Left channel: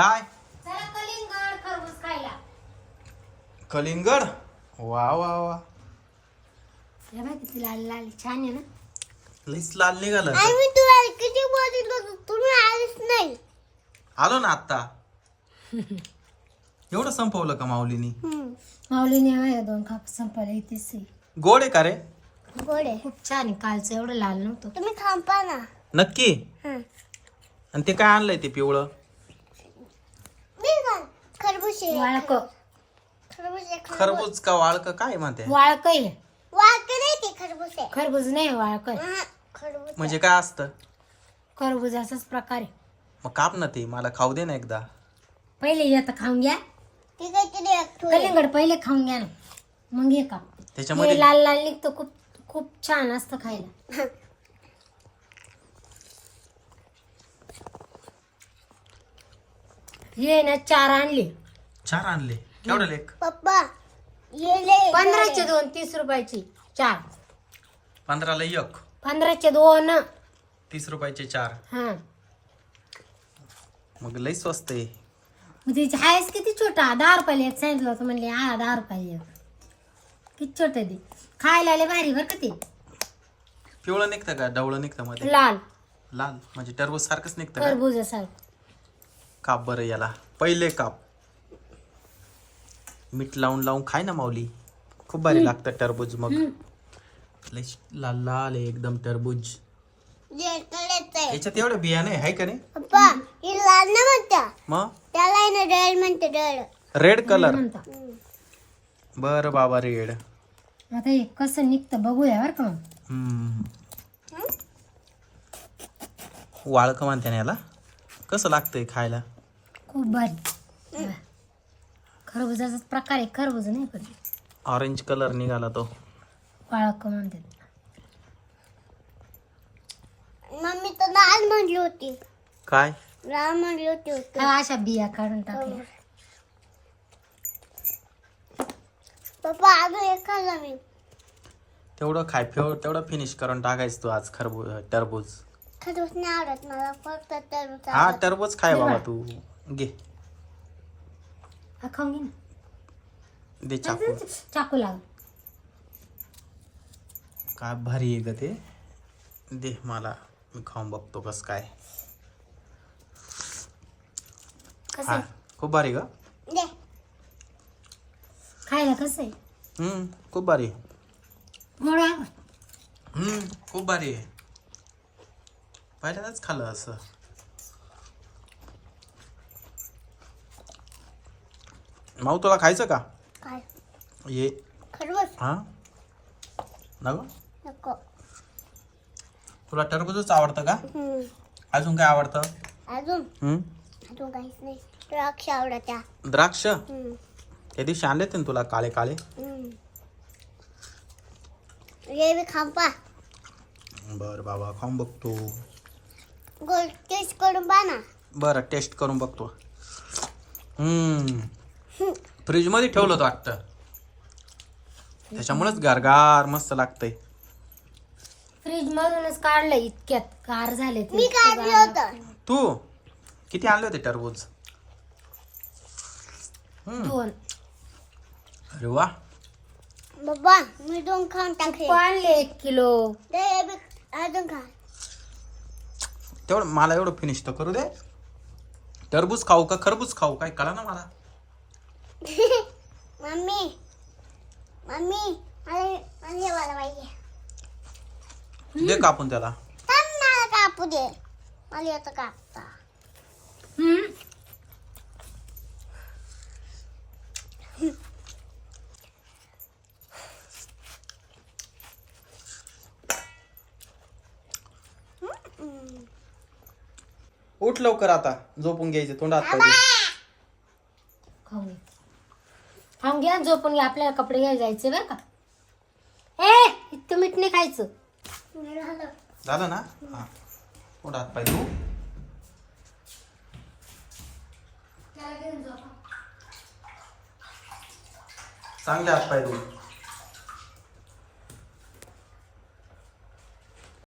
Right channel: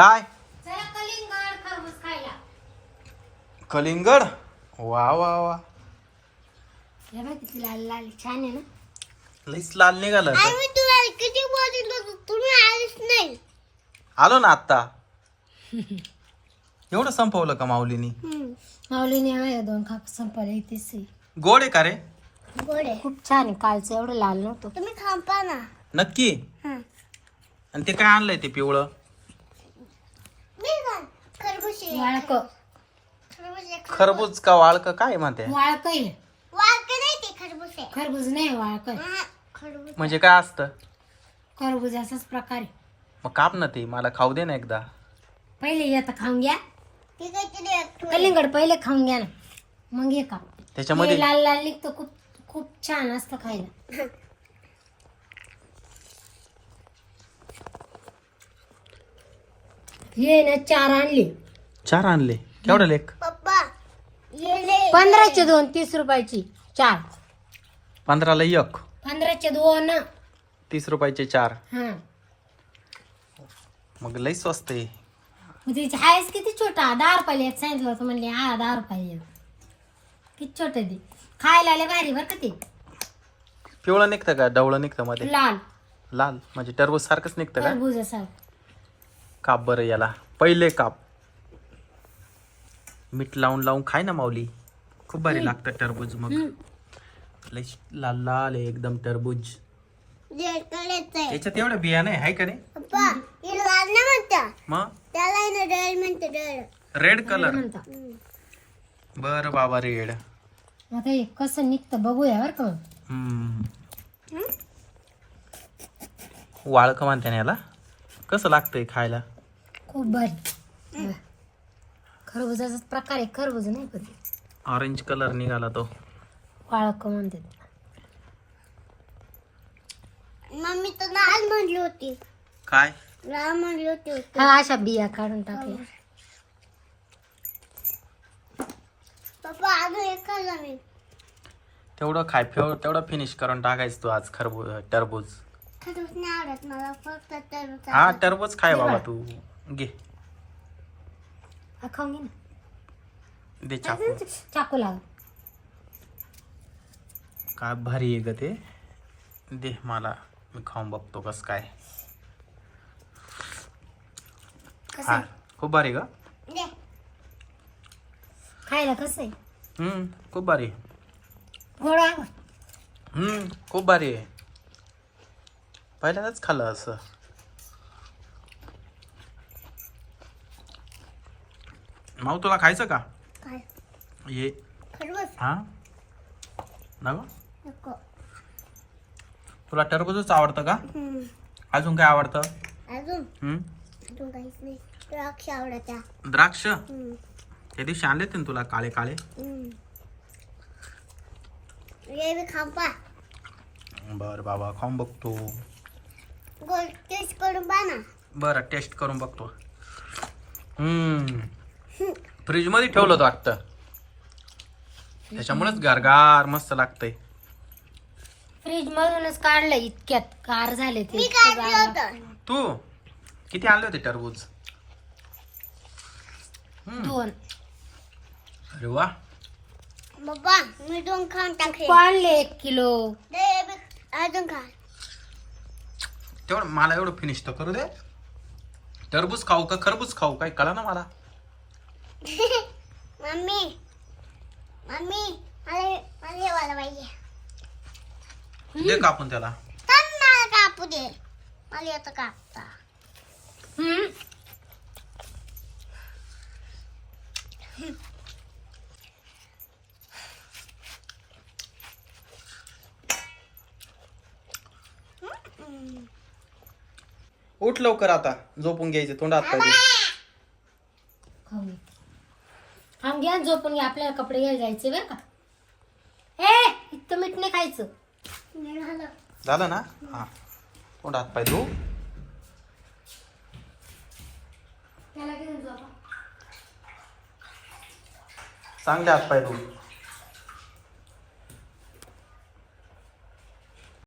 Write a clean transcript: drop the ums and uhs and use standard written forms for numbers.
काय चला कलिंगड खरबूज खायला. कलिंगड? वा वा वा, हे बघ किती लाल लाल छान आहे ना. लईच लाल निघालं तर. आम्ही तुम्हाला किती बोललो तुम्ही आलीच नाही. आलो ना आता. एवढं संपवलं का माऊलीनी? माऊलीने माझ्या 2 काप संपवले. इथेच आहे. गोड आहे का रे? गोड आहे. खूप छान आहे. कालचं एवढं लाल नव्हतं. तुम्ही खांपा ना. नक्की? हं. आणि ते काय आणलंय ते पिवळं? मी का खरबूज आहे. वाळक खरबूज आहे. खरबूज का वाळक काय म्हणते? वाळक आहे. वाळके नाही ते खरबूज आहे. खरबूज नाही वाळक आहे. हं, खरबूज. म्हणजे काय असतं? खरबूज असाच प्रकार आहे. मग काप ना ते, मला खाऊ दे ना एकदा. पहिले येतं खाऊन घ्या. ठीक आहे किती आहे? कलिंगड पहिले खाऊन घ्या ना, मग हे का त्याच्यामध्ये लाल लाल निघतं. खूप खूप छान असतं खायला. हे ना 4 आणली. 4 आणले. केवढं लेख? पप्पा ये ले. 15चे 2, 30 रुपयाची 4. 15ला 1, 15चे 2. 30 रुपयाचे 4. हा मग लई स्वस्त आहे. मग तिची आहेस किती छोटा. 10 रुपयाला एक सांगितलं होतं म्हणले. 10 रुपये किती छोटे ते. खायला आले भारी बरं का ते. पिवळं निघतं का डवळं निघतं मध्ये? लाल लाल म्हणजे टरबूज सारखंच निघतं का? टरबूज असा. काप बरं याला, पहिले काप. मीठ लावून लावून खाय ना माऊली, खूप भारी लागतं टरबूज. मग लई लाल लाल आहे एकदम टरबूज. ये करायचं आहे. याच्यात एवढं बिया नाही आहे का नाही? पप्पा हे लाल नाही म्हणता. मग त्याला आहे ना रेड म्हणते रेड. Red colour. म्हणतात. बरं बाबा, रेड. आता हे कसं निघतं बघूया बरं का. मग वाळक म्हणते ना याला. कसं लागतंय खायला? खूप भारी. खरबुजाचाच प्रकार आहे. खरबूज नाही पण ऑरेंज कलर निघाला तो. वाळक म्हणते. मम्मी तर लाल म्हणली होती. काय? लाल म्हणली होती. अशा बिया काढून टाकल्या. पप्पा अजून एक खाल्ला मी. तेवढं तेवढं फिनिश करून टाकायचं तू आज टरबूज. खरबूज नाही आवडत मला, फक्त टरबूज हा आवडतं. टरबूज खाय बाबा तू. घे, हा खाऊन घे ना. दे चाकू. चाकू लाव. काय भारी आहे ग ते. दे मला, मी खाऊन बघतो कस काय. कसं आहे? खूप भारी ग. दे. खायला कसं आहे? खूप भारी आहे. गोड आहे. खूप भारी आहे. पहिल्यांदाच खाल्लं असं. माऊ तुला खायचं का? काय ये. खरबूज हा नको. नको. तुला टरबूजच आवडतं का? अजून काय आवडतं? अजून हम्म काहीच नाही. द्राक्ष आवडत्या. द्राक्ष त्या दिवशी आणले ना तुला काळे काळे. ये बी खांपा. बर बाबा, खाऊन बघतो. गोल टेस्ट करून पहा ना. बरं, टेस्ट करून बघतो. फ्रीज मध्ये ठेवलं होतं वाटतं, त्याच्यामुळेच गारगार मस्त लागतंय. फ्रीज मधूनच काढलं. इतक्यात गार झाले ते. मी काढलं होतं. तू किती आणले होते टरबूज? 2 अरे वा. पप्पा मी 2 खाऊन टाकले. आणले 1 किलो. दे ये बी अजून खा. तेवढं मला एवढं फिनिश तर करू दे. टरबूज खाऊ का खरबूज खाऊ काय कळा ना मला. मम्मी मम्मी मला वाला पाहिजे. दे कापून त्याला. पण मला कापू दे. मला येतं कापता. उठ लवकर आता, झोपून घ्यायचे तोंडात पाहिजे. खाऊन थांब घ्या. झोपून घ्या. आपल्याला कपडे घ्यायला जायचे बरं का. ए इतकं मीठ नाही खायचं. झालं ना? हा, तोंडात पाय धू. चांगले हात पाय धू.